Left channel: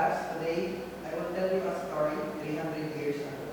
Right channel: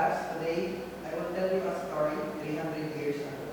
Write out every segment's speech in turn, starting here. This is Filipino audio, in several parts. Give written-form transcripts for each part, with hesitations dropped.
class. Today, I will tell you a story 300 years ago.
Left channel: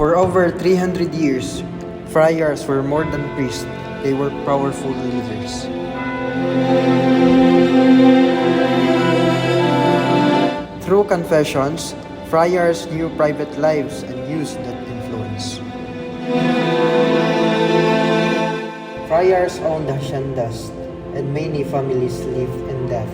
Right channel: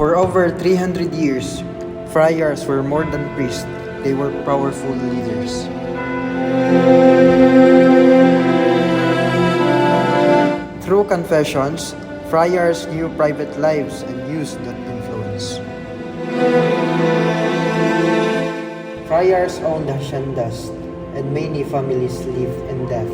For over 300 years, friars were more than priests, they were powerful leaders. Through confessions, friars knew private lives and used that influence. Friars owned haciendas, and many families lived in debt.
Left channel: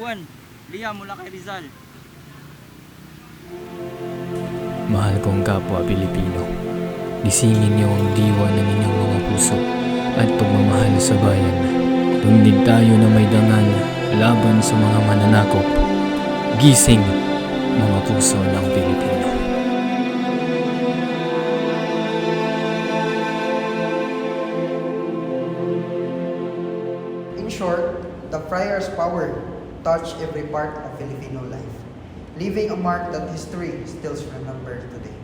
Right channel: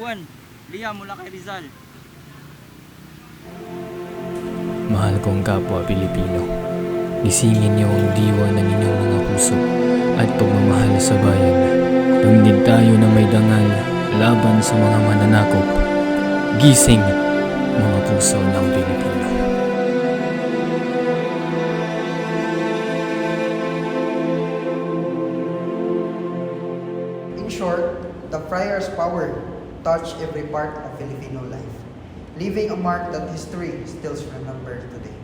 Juan, Liam mula kay Rizal. Mahal kong kapwa Pilipino, gisingin niyo ang diwa ng inyong mga puso at pagmamahal sa bayan. Tundig tayo na may dangal laban sa mga mananakop. Gising, mga puso ng Pilipino. In short, the friar's power touched every part of Filipino life, leaving a mark that history still remembers today.